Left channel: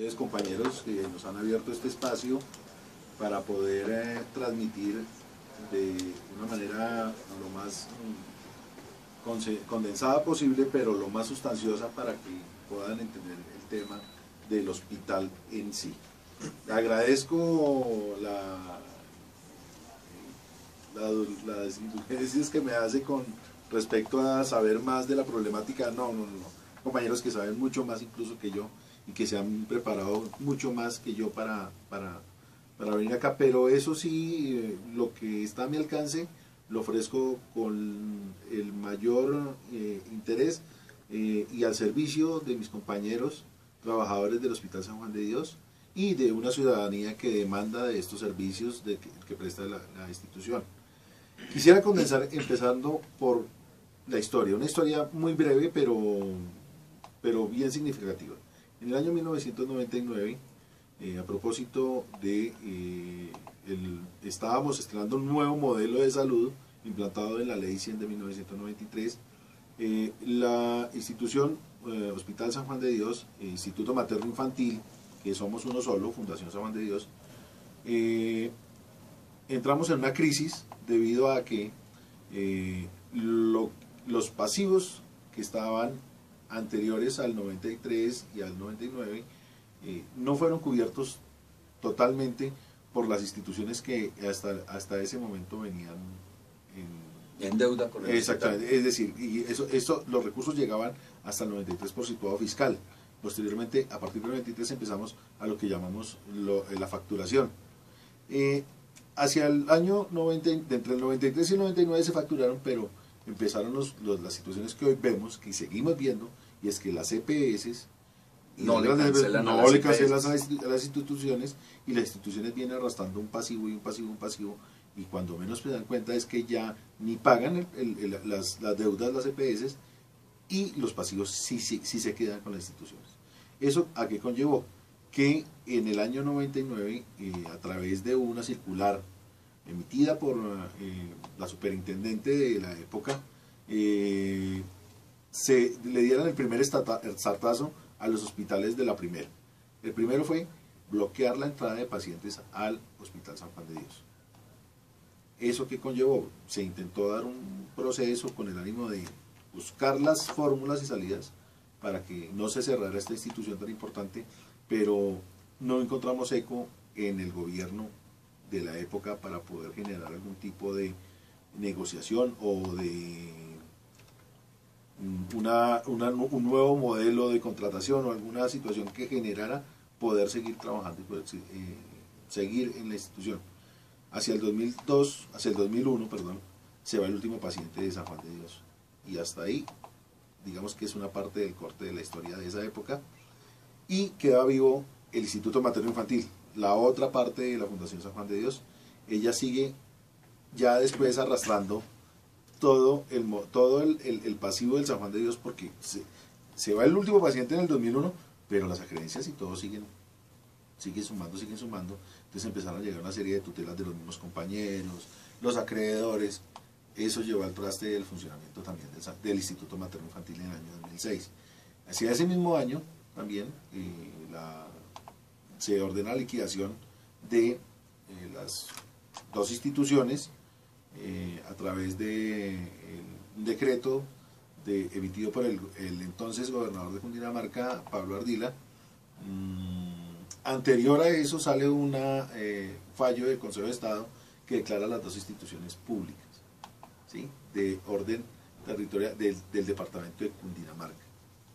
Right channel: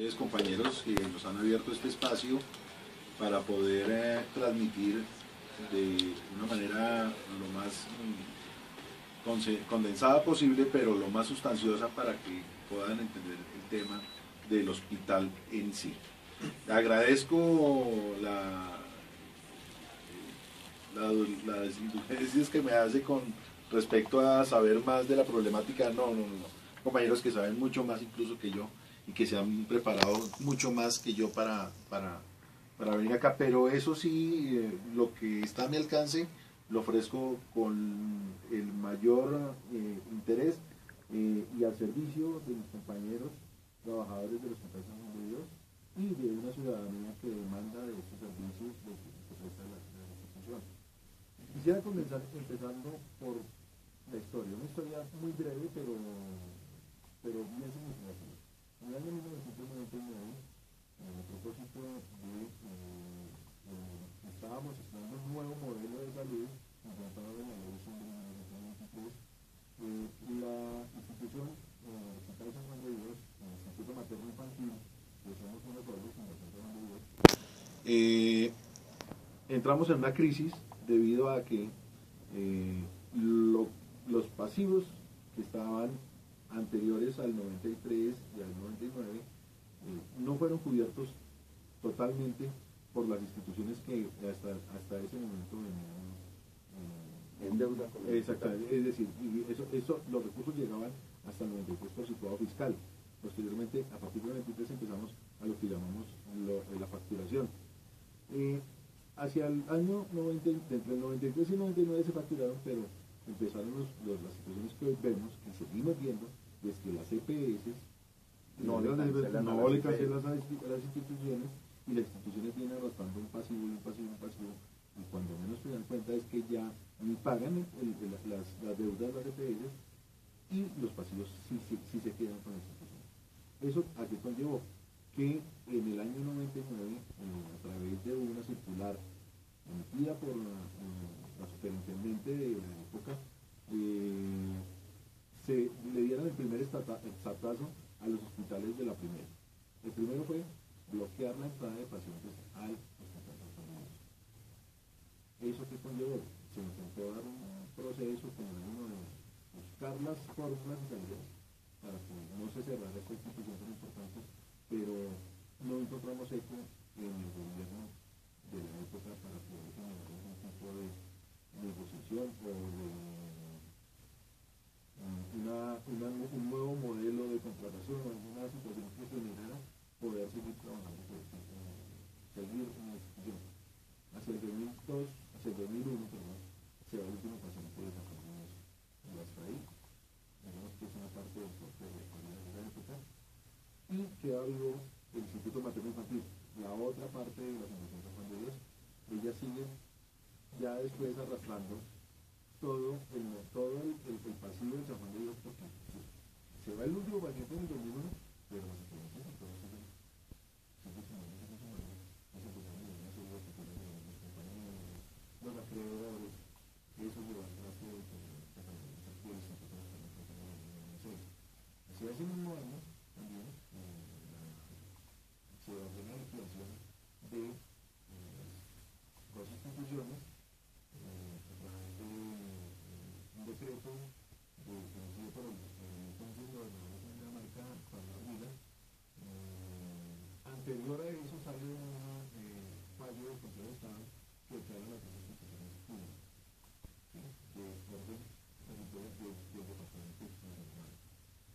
ustedes, compañeros, que nos han abierto este espacio para poder transmitir de una manera lo más condensada posible, pero lo más sustanciosa para que puedan entender el tema del hospital en sí. Agradezco las indulgencias que me hace con respecto a saber más de la problemática. No, compañeros que saben mucho más incluso que yo y que se han preparado mucho más que yo para venir acá, pero eso sí, lo que está a mi alcance lo ofrezco con el mayor interés y al servicio de mis compañeros trabajadores del Hospital San Juan de Dios y de una ciudadanía que demanda de estos servicios que presta la institución. Quisiera condensar empezando por la historia, una historia muy breve pero bien significativa. En el año 1999, a propósito de estábamos estrenando un nuevo modelo de salud implantado en la Ley 100 de 1993, la institución Hospital San Juan de Dios, Instituto Materno Infantil, que somos uno solo, Fundación San Juan de Dios, entramos en una crisis debido a que los pasivos que estaban anteriores al 93 y al 99 no fueron cubiertos totalmente por las instituciones que hasta ese momento venían en deuda con el exactamente, hospital. Es decir, y los recursos llegaban hasta el 93 por situado fiscal. Posteriormente, a partir del 93 empezamos a lo que llamamos la facturación. Hacia el año 90, entre el 93 y el 99 se facturaron, pero empezaron las situaciones que hoy vemos, que seguimos viendo, y es que las EPS no le cancelan a las instituciones, y las instituciones vienen arrastrando un pasivo y un pasivo y un pasivo, y cuando menos se dan cuenta es que ya ni pagan las deudas, las EPS, y los pasivos sí se quedan con las instituciones. ¿Eso a qué conllevó? Que en el año 99, a través de una circular emitida por la superintendente de la época, se le dieron el primer startazo a los hospitales de la primera. El primero fue bloquear la entrada de pacientes al Hospital San Juan de Dios. ¿Eso qué conllevó? Se intentó dar un proceso con el ánimo de buscar las fórmulas y salidas para que no se cerrara esta institución tan importante, pero no encontramos eco en el gobierno de la época para poder generar algún tipo de negociación o de un nuevo modelo de contratación o alguna situación que generara poder seguir trabajando y poder seguir en la institución. Hacia el 2001, se va el último paciente de San Juan de Dios. Y hasta ahí, digamos que es una parte del corte de la historia de esa época. Y queda vivo el Instituto Materno Infantil, la otra parte de la Fundación San Juan de Dios. Ella sigue ya después arrastrando todo el pasivo del San Juan de Dios, porque se va el último paciente en el 2001, pero las acreencias y todo siguen sumando. Entonces empezaron a llegar una serie de tutelas de los mismos compañeros, los acreedores. Eso llevó al traste del funcionamiento también del Instituto Materno Infantil en el año 2006. Hacia ese mismo año también se ordena la liquidación de las dos instituciones a través de un decreto emitido por el entonces gobernador de Cundinamarca, Pablo Ardila. Anterior a eso sale un fallo del Consejo de Estado que declara las dos instituciones públicas, ¿sí?, de orden territorial del departamento de Cundinamarca,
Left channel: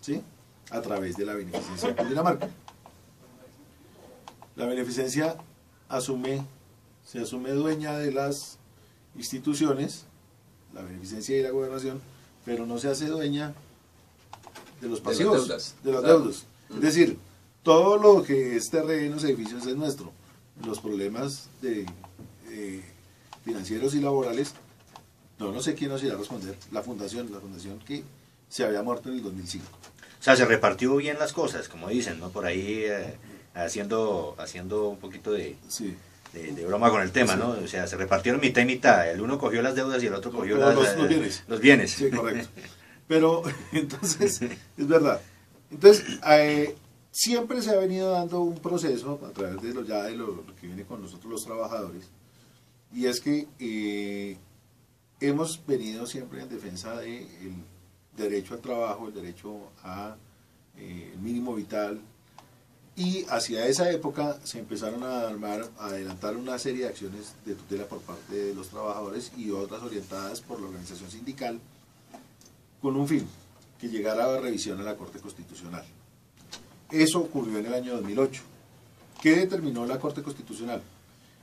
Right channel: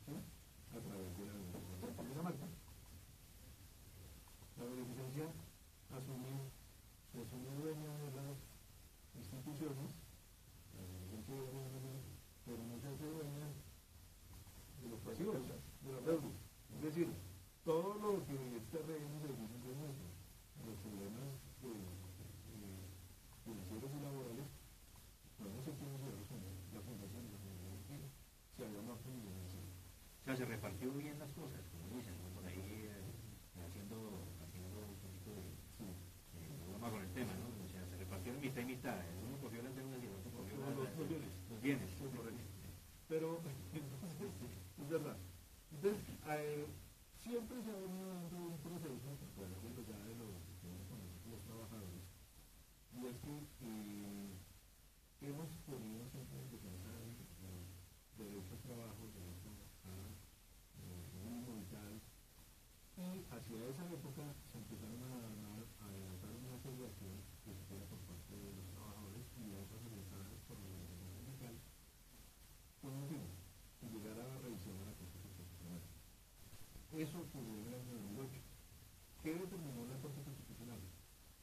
¿sí?, a través de la beneficencia de Cundinamarca. La beneficencia se asume dueña de las instituciones, la beneficencia y la gobernación, pero no se hace dueña de los pasivos, de las deudas. Es decir, todo lo que es terrenos, edificios es nuestro. Los problemas financieros y laborales, no sé quién nos irá a responder. La fundación que se había muerto en el 2005. O sea, se repartió bien las cosas, como dicen, ¿no? Por ahí haciendo un poquito de broma con el tema, sí, ¿no? O sea, se repartieron mitad y mitad. El uno cogió las deudas y el otro cogió los bienes. Sí, correcto. Pero, entonces, es verdad. Entonces, siempre se ha venido dando un proceso a través de lo que viene con nosotros los trabajadores, y es que hemos venido siempre en defensa del derecho al trabajo, el derecho a mínimo vital, y hacia esa época se empezaron a adelantar una serie de acciones de tutela por parte de los trabajadores y otras orientadas por la organización sindical con un fin, que llegara a revisión a la Corte Constitucional. Eso ocurrió en el año 2008. ¿Qué determinó la Corte Constitucional?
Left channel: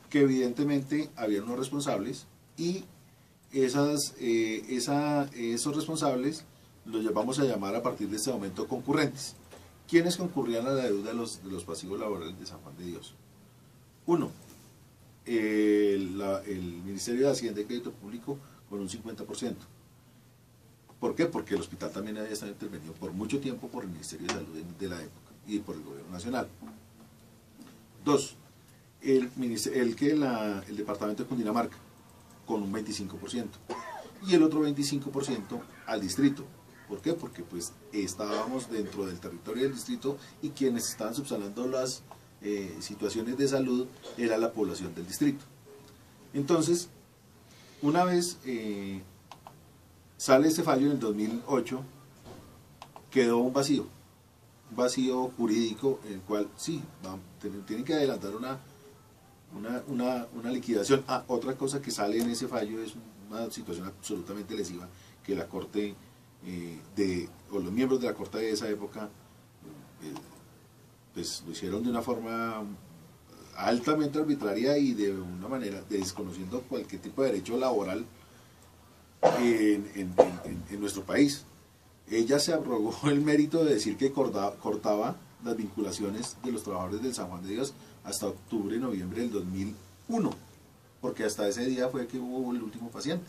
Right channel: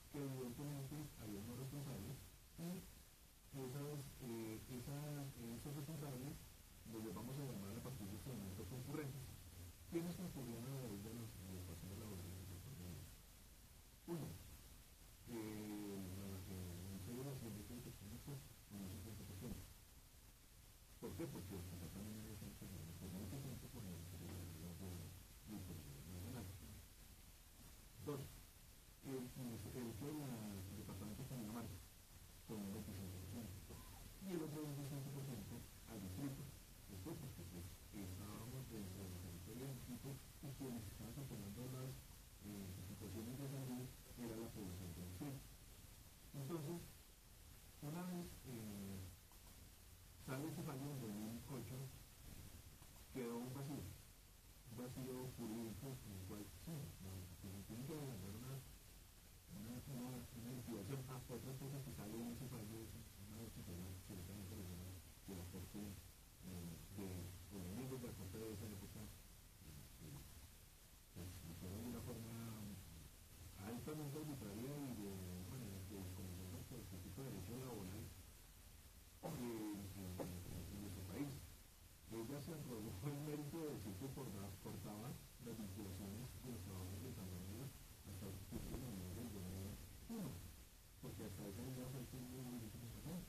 Que evidentemente había unos responsables y esos responsables los vamos a llamar a partir de este momento concurrentes. ¿Quiénes concurrían a la deuda de los pasivos laborales de San Juan de Dios? Uno, el Ministerio de Hacienda y Crédito Público con un 50%. ¿Por qué? Porque el hospital también había estado intervenido por mucho tiempo por el Ministerio de Salud de la época y por el Gobierno Nacional. Dos, el Departamento de Cundinamarca con un 25% y el otro 25% al distrito. ¿Por qué? Porque pues estábamos dentro del territorio del distrito y quienes estaban subsanando las situaciones de salud era la población del distrito. Entonces, una vez sale este fallo en el 2008, quedó un vacío jurídico en el cual sí, tienen que adelantar una liquidación. Otra cosa que sale en ese fallo es una situación absolutamente lesiva que la Corte o los miembros de la Corte de esa época pues lo hicieron de una forma altamente arbitraria y de una manera desconociendo cualquier tipo de derecho laboral en nuestro país. Ella se arrogó el mérito de decir que cortaba las vinculaciones de los trabajadores del San Juan de Dios hasta octubre, noviembre del 2001, porque hasta ese día fue que hubo el último paciente.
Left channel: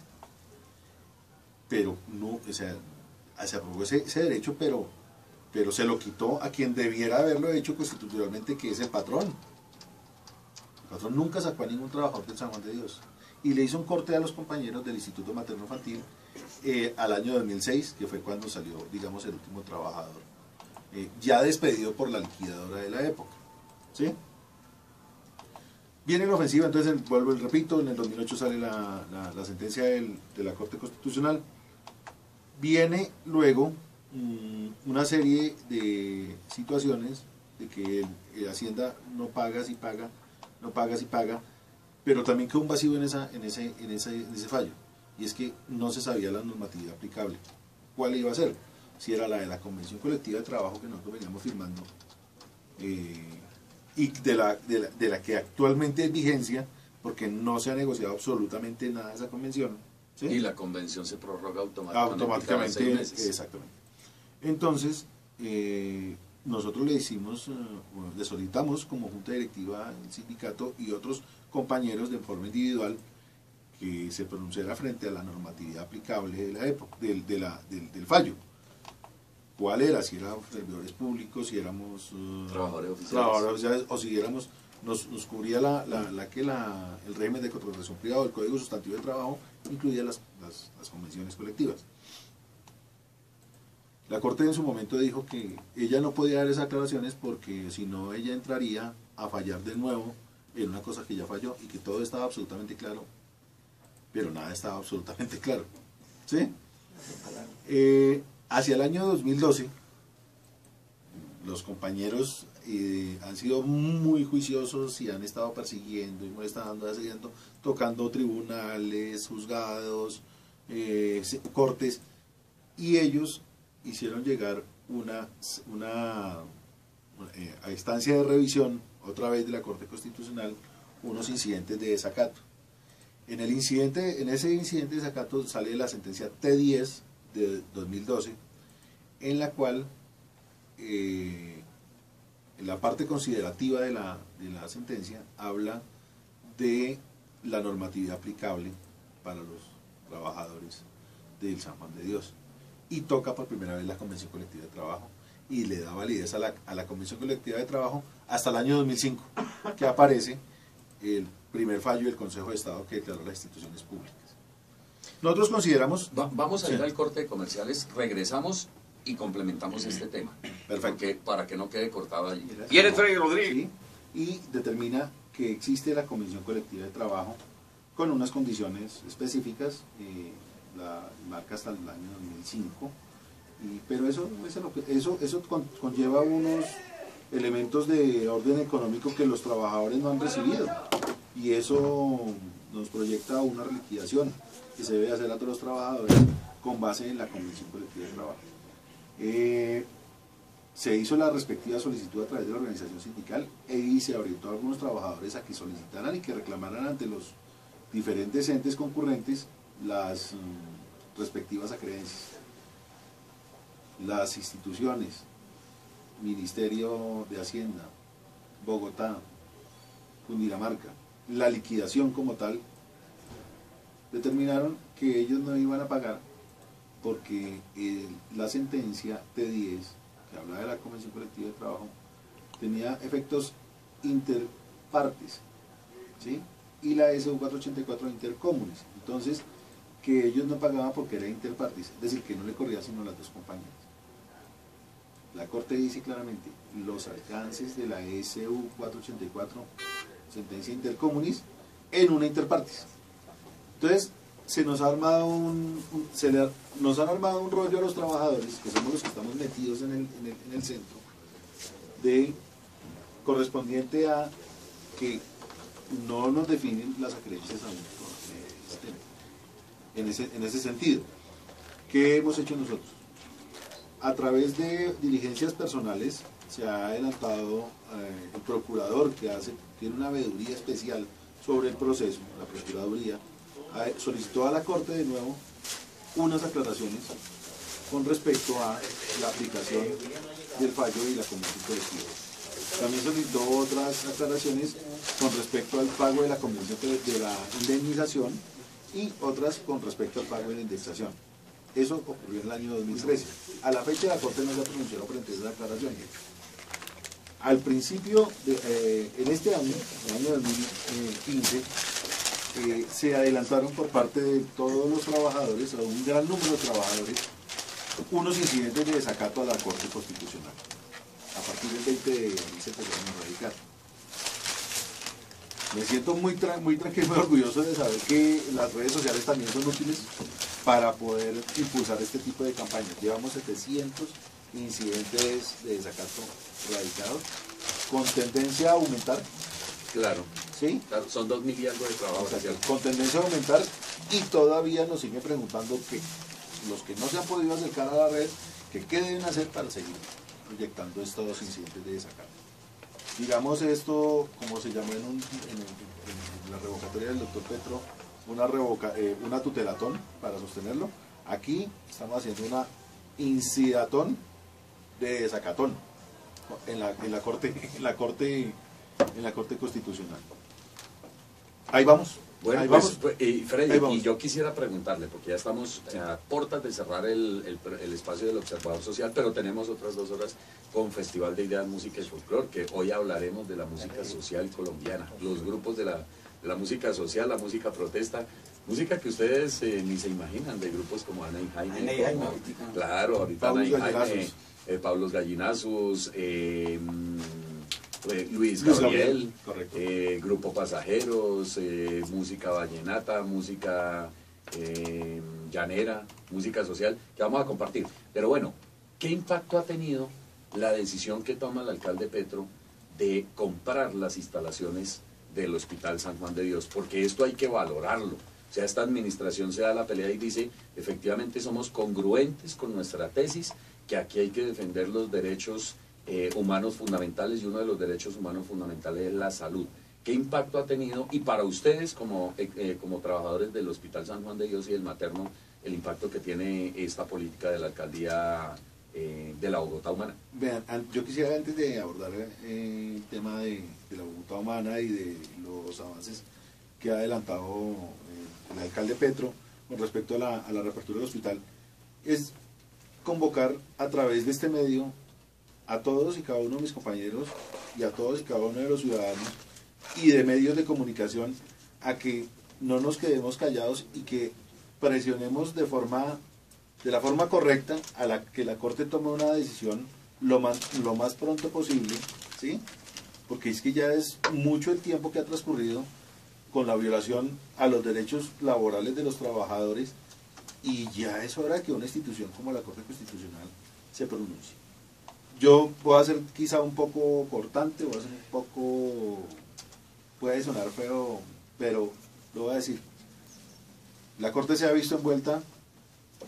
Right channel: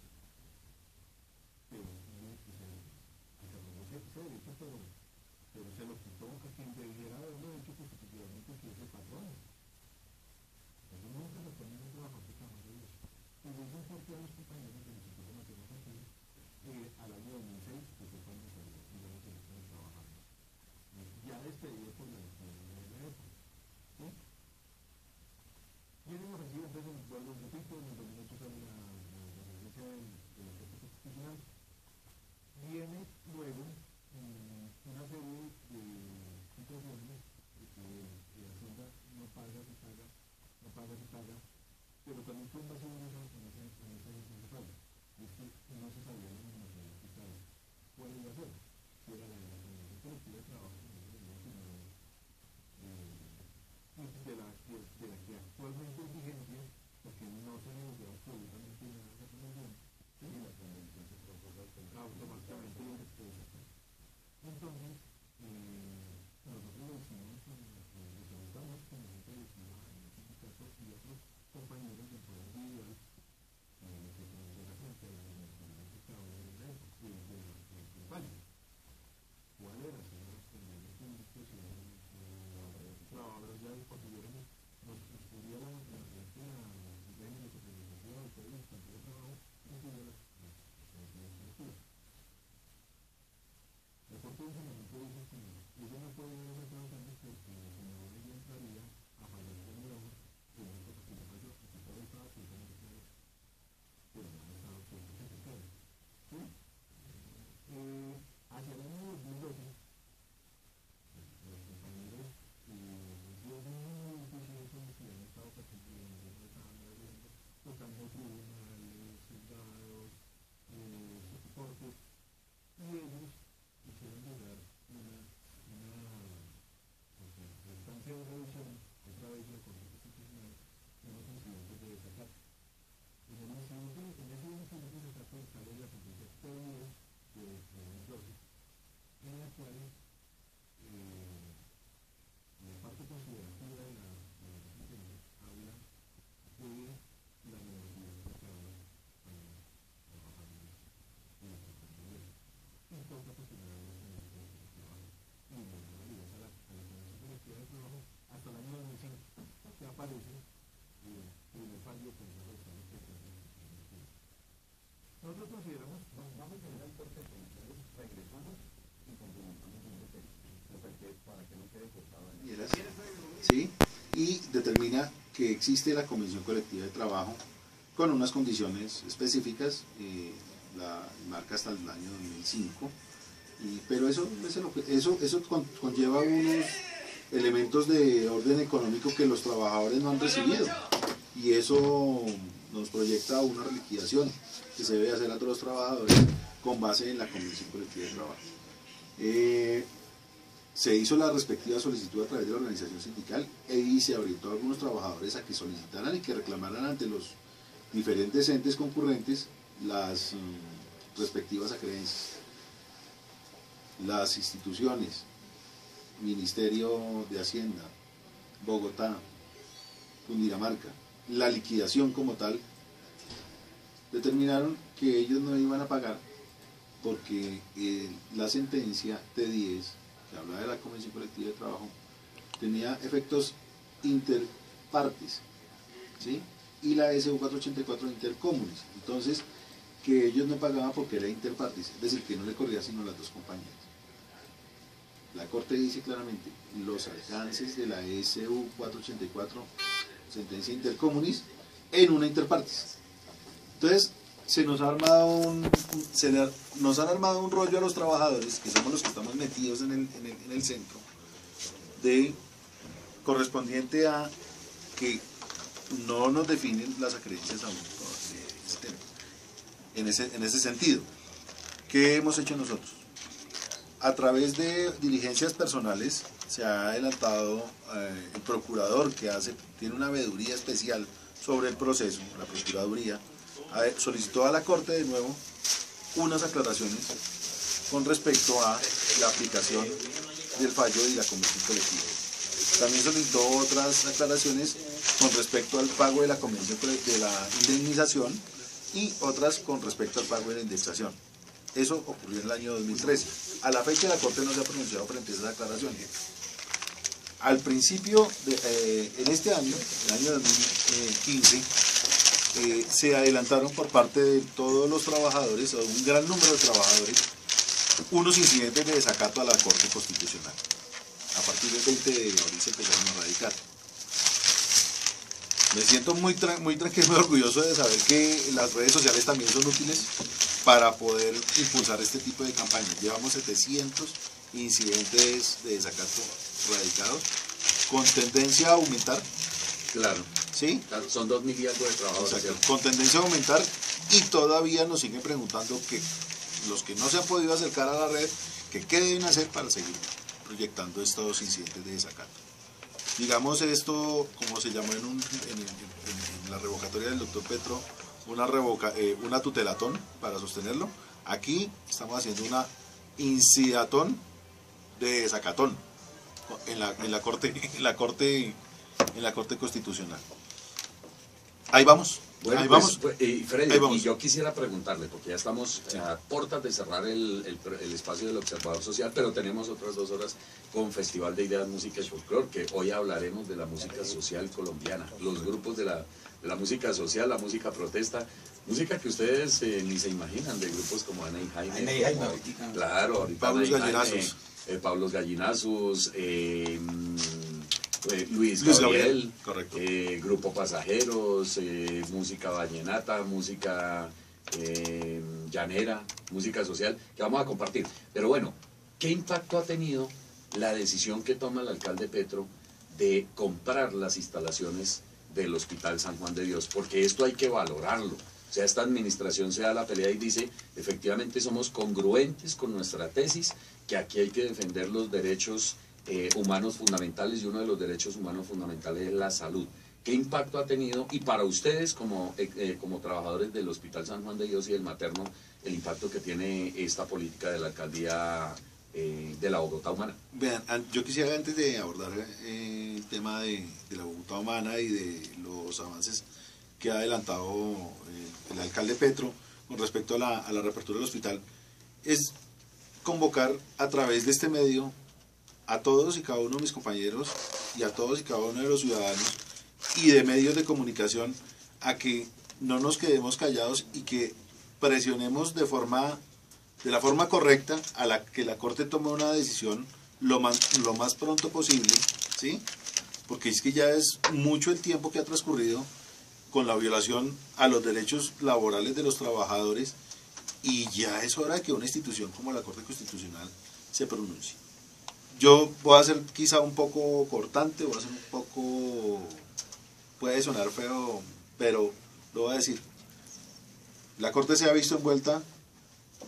Pero no, o sea, se arrogó ese derecho, pero se lo quitó a quien debiera haberlo hecho constitucionalmente, que es el patrón. El patrón nunca sacó a ningún trabajador del San Juan de Dios y le hizo un corte a los compañeros del Instituto Materno Infantil al año 2006, que fue cuando salió, digamos, el último trabajador, ya despedido por la liquidadora de la época. ¿Sí? Viene la ofensiva, entonces vuelvo y repito, en el 2008 sale la sentencia de la Corte Constitucional. Viene luego una serie de situaciones de que Hacienda no paga si paga, no paga si paga, pero también quedó un vacío en ese fallo, y es que no se sabía la normatividad aplicable. ¿Cuál iba a ser? Si era la de la Convención Colectiva de Trabajo que nosotros veníamos firmando, y de la que actualmente es vigencia, porque no se ha negociado absolutamente nada de esa convención. ¿Sí? Y la convención se prorroga automáticamente cada 6 meses. Exactamente. Entonces, nosotros le solicitamos como Junta Directiva, el sindicato y otros compañeros de forma individual que se pronunciara frente a la normatividad aplicable de la época, del fallo. ¿Cuál era? Si éramos servidores públicos, si éramos trabajadores oficiales, o si éramos, nos cubría el régimen de contratación privada, el Código Sustantivo del Trabajo, incluía las convenciones colectivas. La Corte en su momento dijo que ella no podía dar esas aclaraciones porque si no ella entraría a fallar de nuevo en una cosa que ya falló y que todo estaba absolutamente claro, pero nada estaba absolutamente claro. ¿Sí? Hacia el año 2012, los compañeros han sido muy juiciosos y han estado persiguiendo y molestando, tocando tribunales, juzgados, cortes, y ellos hicieron llegar a instancia de revisión, otra vez de la Corte Constitucional, unos incidentes de desacato. En ese incidente de desacato sale la sentencia T10 de 2012, en la cual la parte considerativa de la sentencia habla de la normatividad aplicable para los trabajadores del San Juan de Dios, y toca por primera vez la Convención Colectiva de Trabajo y le da validez a la Convención Colectiva de Trabajo hasta el año 2005, que aparece el primer fallo del Consejo de Estado que declaró las instituciones públicas. Nosotros consideramos... Vamos a ir al corte de comerciales, regresamos y complementamos este tema. Perfecto. Para que no quede cortado allí. Viene Freddy Rodríguez. Sí, y determina que existe la convención colectiva de trabajo con unas condiciones específicas, la marca hasta el año 2005, pero eso conlleva unos elementos de orden económico que los trabajadores no han recibido, y eso nos proyecta una liquidación que se debe hacer a todos los trabajadores con base en la convención colectiva de trabajo. Se hizo la respectiva solicitud a través de la organización sindical y se orientó a algunos trabajadores a que solicitaran y que reclamaran ante los diferentes entes concurrentes las respectivas acreencias. Las instituciones, Ministerio de Hacienda, Bogotá, Cundinamarca, la liquidación como tal, determinaron que ellos no iban a pagar porque la sentencia T10, que hablaba de la Convención Colectiva de Trabajo, tenía efectos interpartes, ¿sí? Y la SU 484 intercomunes. Entonces, que ellos no pagaban porque era interpartes, es decir, que no le corría sino a las dos compañías. La Corte dice claramente los alcances de la SU 484, sentencia intercomunis, en una interpartes. Entonces, nos han armado un rollo a los trabajadores, que somos los que estamos metidos en el centro, correspondiente a que no nos definen las acreencias aún en ese sentido. ¿Qué hemos hecho nosotros? A través de diligencias personales se ha adelantado el procurador, que tiene una veeduría especial sobre el proceso, la Procuraduría, solicitó a la Corte de nuevo unas aclaraciones con respecto a la aplicación del fallo y la convención colectiva. También solicitó otras aclaraciones con respecto al pago de la convención de la indemnización y otras con respecto al pago de la indexación. Eso ocurrió en el año 2013. A la fecha la Corte no se ha pronunciado frente a esas aclaraciones. Al principio, en este año, el año 2015, se adelantaron por parte de todos los trabajadores, o un gran número de trabajadores, unos incidentes de desacato a la Corte Constitucional. A partir del 20 de abril se pusieron a radicar. Me siento muy tranquilo y orgulloso de saber que las redes sociales también son útiles para poder impulsar este tipo de campañas. Llevamos 700 incidentes de desacato radicados, con tendencia a aumentar. Claro. ¿Sí? Claro, son 2.000 y algo de trabajadores. Con tendencia a aumentar, y todavía nos siguen preguntando que los que no se han podido acercar a la red, que qué deben hacer para seguir proyectando estos incidentes de desacato. Digamos esto, como se llamó en la revocatoria del doctor Petro, una tutelatón para sostenerlo. Aquí estamos haciendo una incidatón de desacatón en la corte Constitucional. Ahí vamos. Bueno, ahí pues, vamos. Freddy, y yo quisiera preguntarle, porque ya estamos a puertas de cerrar el espacio del Observador Social, pero tenemos otras 2 horas con Festival de Ideas, Música y Folclor, que hoy hablaremos de la música social colombiana, los grupos de la música social, la música protesta, música que ustedes ni se imaginan, de grupos como Ana y Jaime. Claro, ahorita Ana y Jaime, Pablos Gallinazos, Luis Gabriel, Grupo Pasajeros, música vallenata, música llanera, música social, que vamos a compartir. Pero bueno, ¿qué impacto ha tenido la decisión que toma el alcalde Petro de comprar las instalaciones del Hospital San Juan de Dios? Porque esto hay que valorarlo. O sea, esta administración se da la pelea y dice, efectivamente somos congruentes con nuestra tesis, que aquí hay que defender los derechos humanos fundamentales, y uno de los derechos humanos fundamentales es la salud. ¿Qué impacto ha tenido? Y para ustedes como trabajadores del Hospital San Juan de Dios y el materno, el impacto que tiene esta política de la alcaldía de la Bogotá Humana. Vean, yo quisiera, antes de abordar el tema de la Bogotá Humana y de los avances que ha adelantado el alcalde Petro con respecto a la reapertura del hospital, es convocar a través de este medio a todos y cada uno de mis compañeros y a todos y cada uno de los ciudadanos y de medios de comunicación a que no nos quedemos callados y que presionemos de forma de la forma correcta, a la que la Corte tome una decisión lo más pronto posible, ¿sí? Porque es que ya es mucho el tiempo que ha transcurrido con la violación a los derechos laborales de los trabajadores, y ya es hora que una institución como la Corte Constitucional se pronuncie. Yo voy a ser quizá un poco cortante, voy a ser un poco, puede sonar feo, pero lo voy a decir. La Corte se ha visto envuelta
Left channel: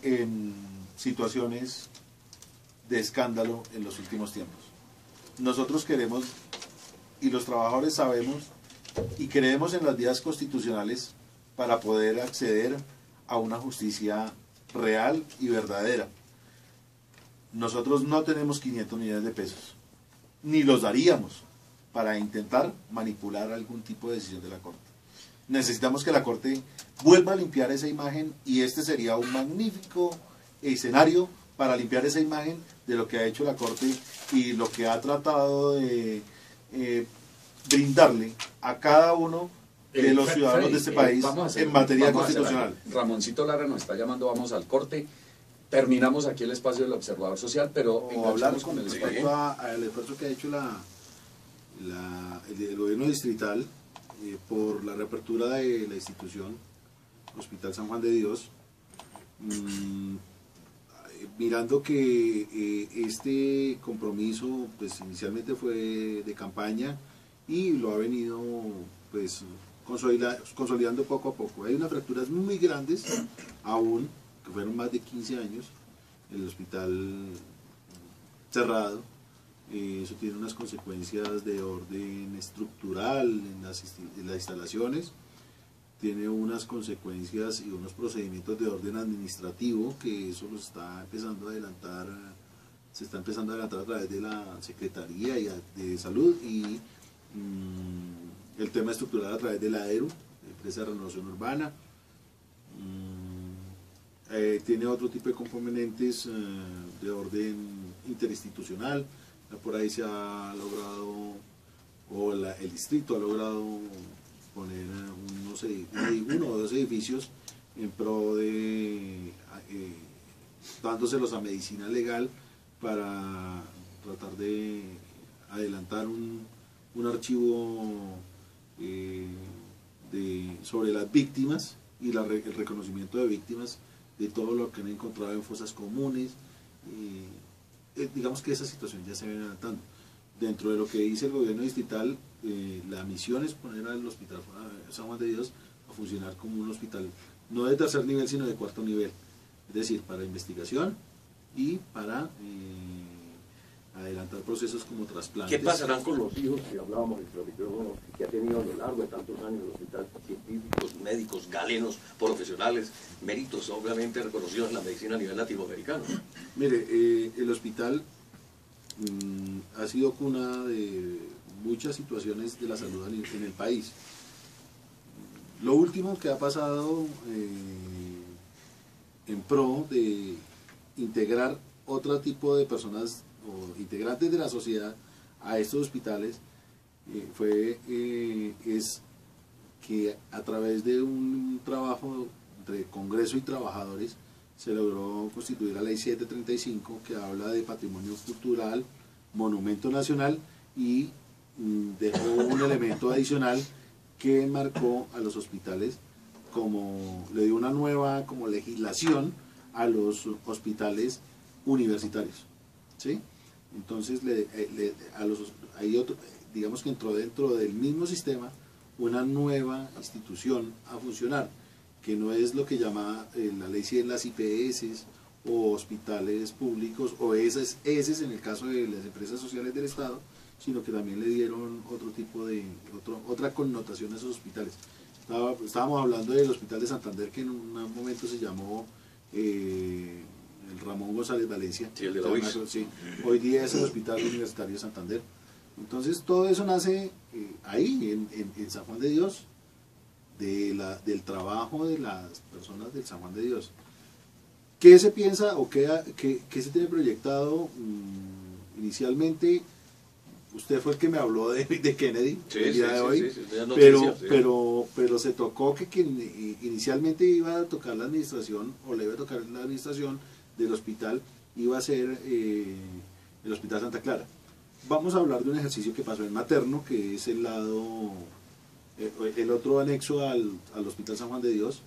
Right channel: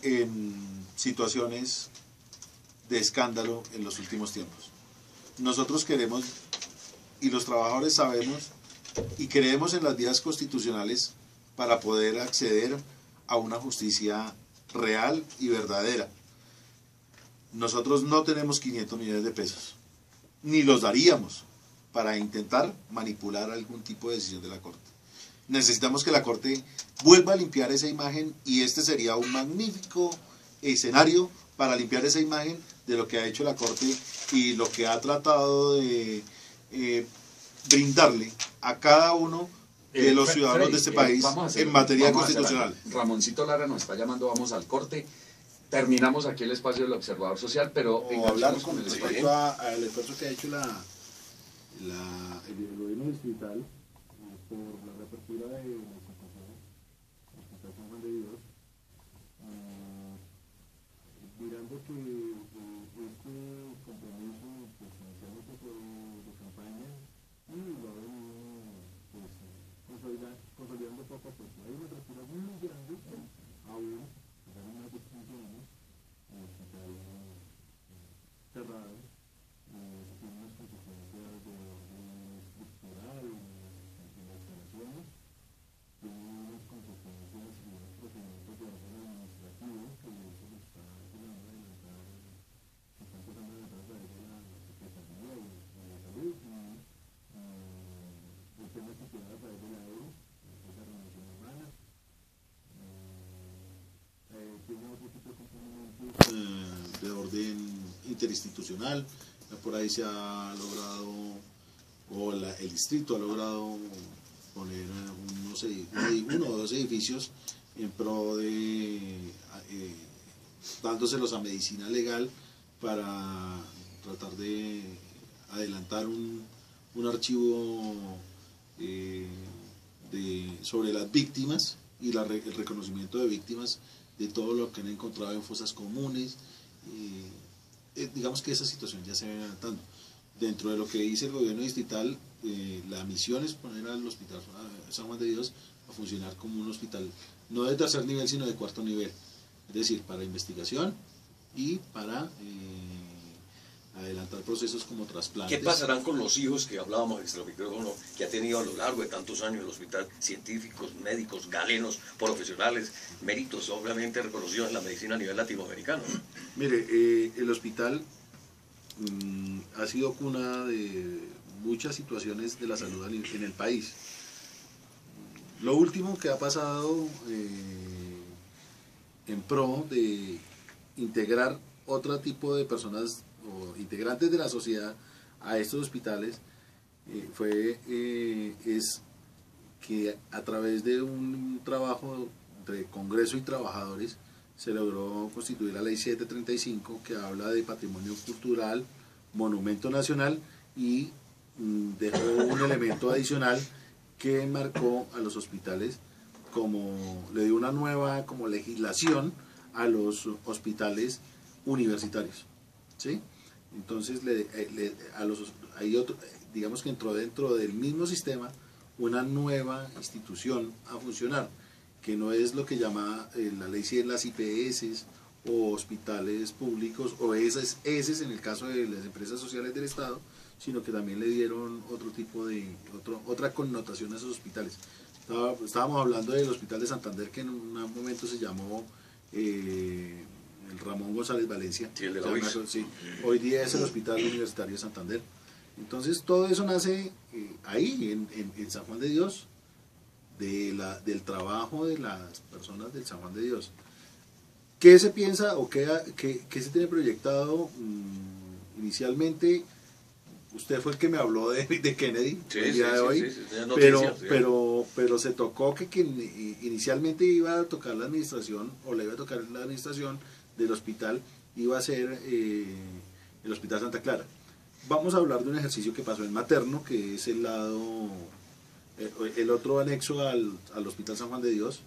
en situaciones de escándalo en los últimos tiempos. Nosotros queremos, y los trabajadores sabemos, y creemos en las vías constitucionales para poder acceder a una justicia real y verdadera. Nosotros no tenemos 500 millones de pesos, ni los daríamos para intentar manipular algún tipo de decisión de la Corte. Necesitamos que la Corte vuelva a limpiar esa imagen, y este sería un magnífico escenario para limpiar esa imagen de lo que ha hecho la Corte y lo que ha tratado de brindarle a cada uno de los ciudadanos de este país en materia constitucional. Ramoncito Lara nos está llamando, vamos al corte. Terminamos aquí el espacio del observador social, pero hablamos con el espacio al esfuerzo que ha hecho el gobierno distrital por la reapertura de la institución Hospital San Juan de Dios, mirando que este compromiso pues inicialmente fue de campaña y lo ha venido pues consolidando poco a poco. Hay unas fracturas muy grandes aún, que fueron más de 15 años, el hospital cerrado. Eso tiene unas consecuencias de orden estructural en las instalaciones, tiene unas consecuencias y unos procedimientos de orden administrativo, que eso lo está empezando a adelantar, se está empezando a adelantar a través de la Secretaría de Salud, y el tema estructural a través de la ERU, Empresa de Renovación Urbana. Tiene otro tipo de componentes de orden interinstitucional. Por ahí se ha logrado, o el distrito ha logrado poner uno o dos edificios en pro de dándoselos a medicina legal para tratar de adelantar un archivo sobre las víctimas y el reconocimiento de víctimas de todo lo que han encontrado en fosas comunes. Digamos que esa situación ya se viene adelantando. Dentro de lo que dice el gobierno distrital, la misión es poner al hospital San Juan de Dios a funcionar como un hospital no de tercer nivel, sino de cuarto nivel, es decir, para investigación y para adelantar procesos como trasplantes. ¿Qué pasarán con los hijos que hablábamos extra micrófono, que ha tenido a lo largo de tantos años el hospital, científicos, médicos, galenos, profesionales, méritos obviamente reconocidos en la medicina a nivel latinoamericano? Mire, el hospital ha sido cuna de muchas situaciones de la salud en el país. Lo último que ha pasado en pro de integrar otro tipo de personas o integrantes de la sociedad a estos hospitales es que a través de un trabajo entre Congreso y trabajadores se logró constituir la Ley 735, que habla de patrimonio cultural, monumento nacional, y dejó un elemento adicional que marcó a los hospitales como, le dio una nueva como legislación a los hospitales universitarios, ¿sí? Entonces digamos que entró dentro del mismo sistema una nueva institución a funcionar, que no es lo que llama la ley 100 las IPS o hospitales públicos o ESES en el caso de las empresas sociales del Estado, sino que también le dieron otro tipo de otra connotación a esos hospitales. Estábamos hablando del Hospital de Santander, que en un momento se llamó Ramón González Valencia. Sí, el de la UIS. Sí, hoy día es el Hospital Universitario de Santander. Entonces todo eso nace ahí, en San Juan de Dios, del trabajo de las personas del San Juan de Dios. ¿Qué se piensa o qué se tiene proyectado inicialmente? Usted fue el que me habló de Kennedy. Sí, noticias, pero se tocó que inicialmente iba a tocar la administración, o le iba a tocar la administración del hospital iba a ser el Hospital Santa Clara. Vamos a hablar de un ejercicio que pasó en Materno, que es el otro anexo al Hospital San Juan de Dios,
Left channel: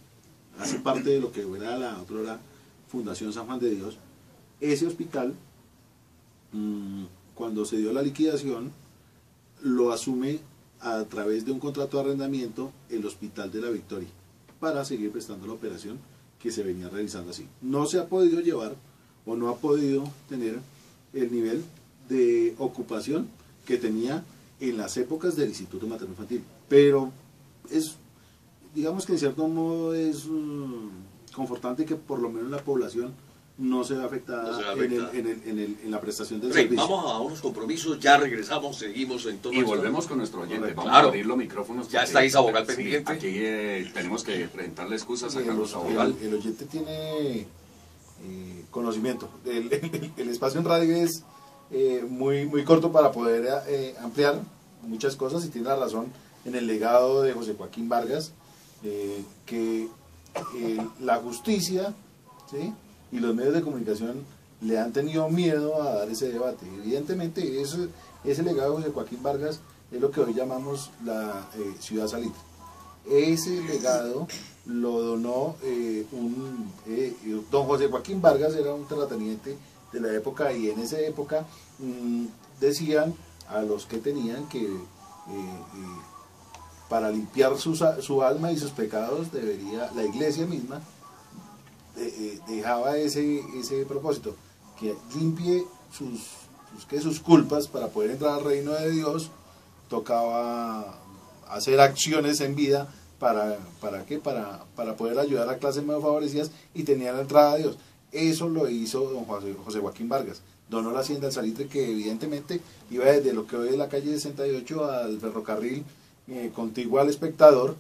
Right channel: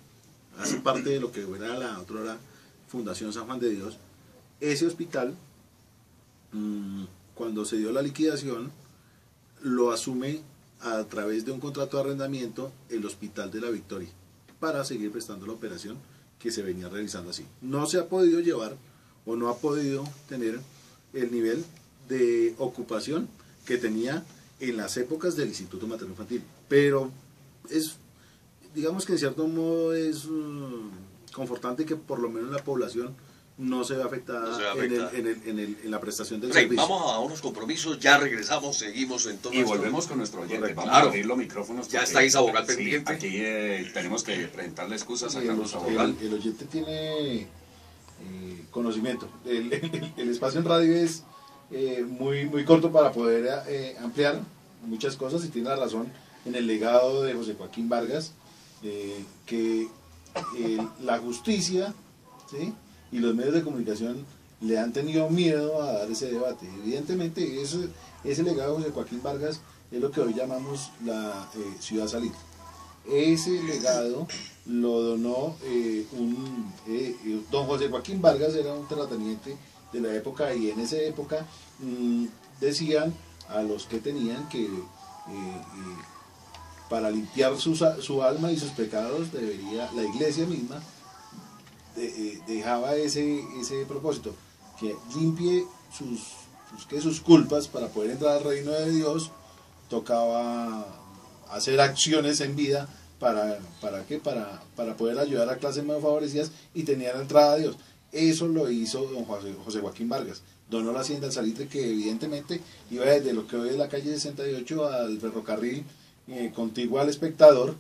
hace parte de lo que era la otra Fundación San Juan de Dios. Ese hospital, cuando se dio la liquidación, lo asume a través de un contrato de arrendamiento el Hospital de la Victoria, para seguir prestando la operación que se venía realizando así. No se ha podido llevar o no ha podido tener el nivel de ocupación que tenía en las épocas del Instituto Materno Infantil, pero digamos que en cierto modo es confortante que por lo menos la población no se ve afectada, en la prestación del servicio. Vamos a unos compromisos, ya regresamos, seguimos en todo. Y volvemos con nuestro oyente. Vamos a abrir los micrófonos. Ya está Isa Bogal pendiente. Aquí tenemos que presentarle excusas a Carlos Abogal. El oyente tiene conocimiento. El espacio en radio es muy corto para poder ampliar muchas cosas, y tiene la razón en el legado de José Joaquín Vargas, que la justicia, ¿sí?, y los medios de comunicación le han tenido miedo a dar ese debate. Evidentemente ese legado de José Joaquín Vargas es lo que hoy llamamos la Ciudad Salitre. Ese legado lo donó don José Joaquín Vargas, era un terrateniente de la época, y en esa época decían a los que tenían que para limpiar su alma y sus pecados, la iglesia misma dejaba ese propósito, que limpie sus culpas para poder entrar al reino de Dios. Tocaba hacer acciones en vida para poder ayudar a clases menos favorecidas, y tenía la entrada a Dios. Eso lo hizo don José Joaquín Vargas. Donó la hacienda del Salitre, que evidentemente iba desde lo que hoy es la calle 68 al ferrocarril contiguo al Espectador,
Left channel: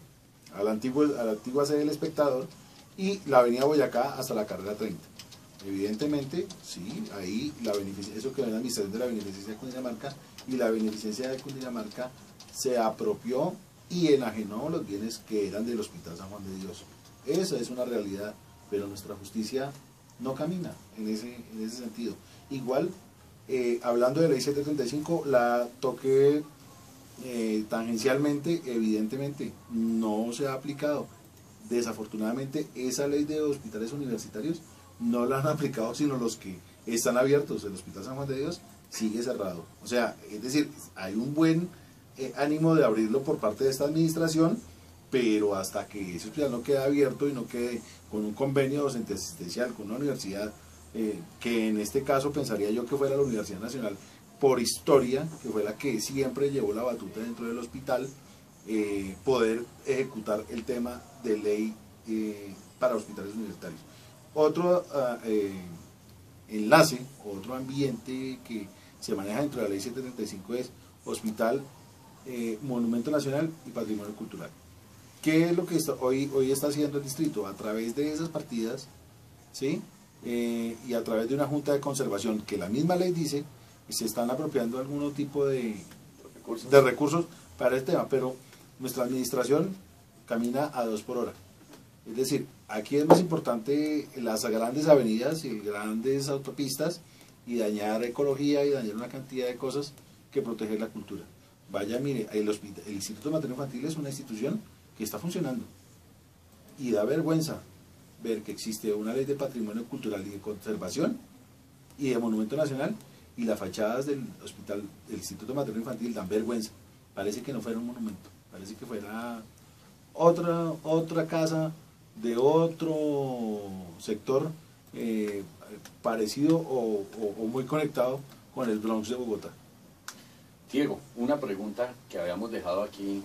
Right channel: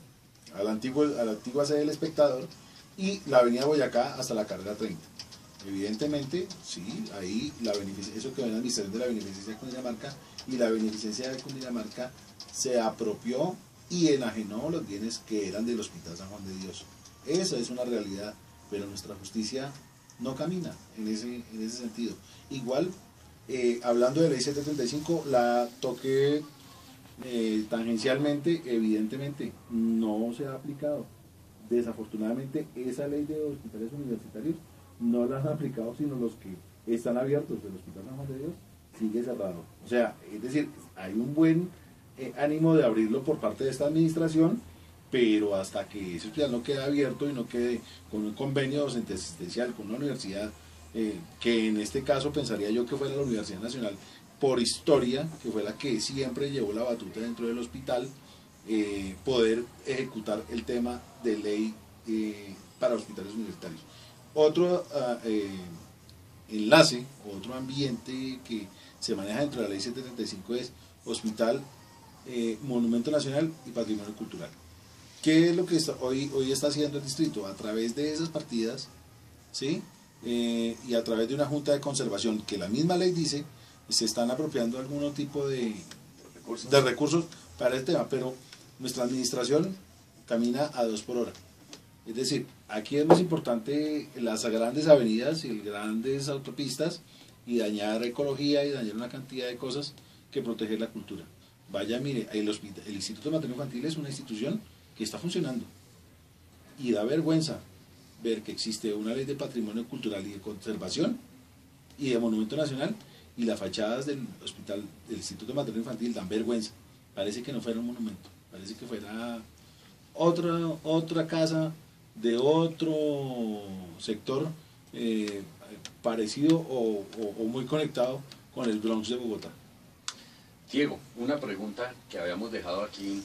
a la antigua sede del Espectador, y la avenida Boyacá hasta la carrera 30. Evidentemente, sí, ahí eso que era la administración de la beneficencia de Cundinamarca, y la beneficencia de Cundinamarca se apropió y enajenó los bienes que eran del Hospital San Juan de Dios. Esa es una realidad, pero nuestra justicia no camina en ese sentido. Igual, hablando de la ley 735, la toqué tangencialmente. Evidentemente no se ha aplicado. Desafortunadamente, esa ley de hospitales universitarios no la han aplicado sino los que están abiertos. El Hospital San Juan de Dios sigue cerrado. O sea, es decir, hay un buen ánimo de abrirlo por parte de esta administración, pero hasta que ese hospital no quede abierto y no quede con un convenio docente asistencial con una universidad, que en este caso pensaría yo que fuera la Universidad Nacional, por historia, que fue la que siempre llevó la batuta dentro del hospital, poder ejecutar el tema de ley para hospitales universitarios. Otro enlace, otro ambiente que se maneja dentro de la ley 735 es hospital, monumento nacional y patrimonio cultural. ¿Qué es lo que hoy está haciendo el distrito? A través de esas partidas, ¿sí?, y a través de una junta de conservación, que la misma ley dice, se están apropiando algún tipo de recursos para el tema, pero nuestra administración camina a 2 por hora. Es decir, aquí es más importante las grandes avenidas y grandes autopistas, y dañar ecología y dañar una cantidad de cosas, que proteger la cultura. Vaya, mire, el Instituto Materno Infantil es una institución que está funcionando, y da vergüenza ver que existe una ley de patrimonio cultural y de conservación y de monumento nacional, y las fachadas del hospital del Instituto Materno Infantil dan vergüenza. Parece que no fuera un monumento, parece que fuera otra casa de otro sector, parecido o muy conectado con el Bronx de Bogotá. Diego, una pregunta que habíamos dejado aquí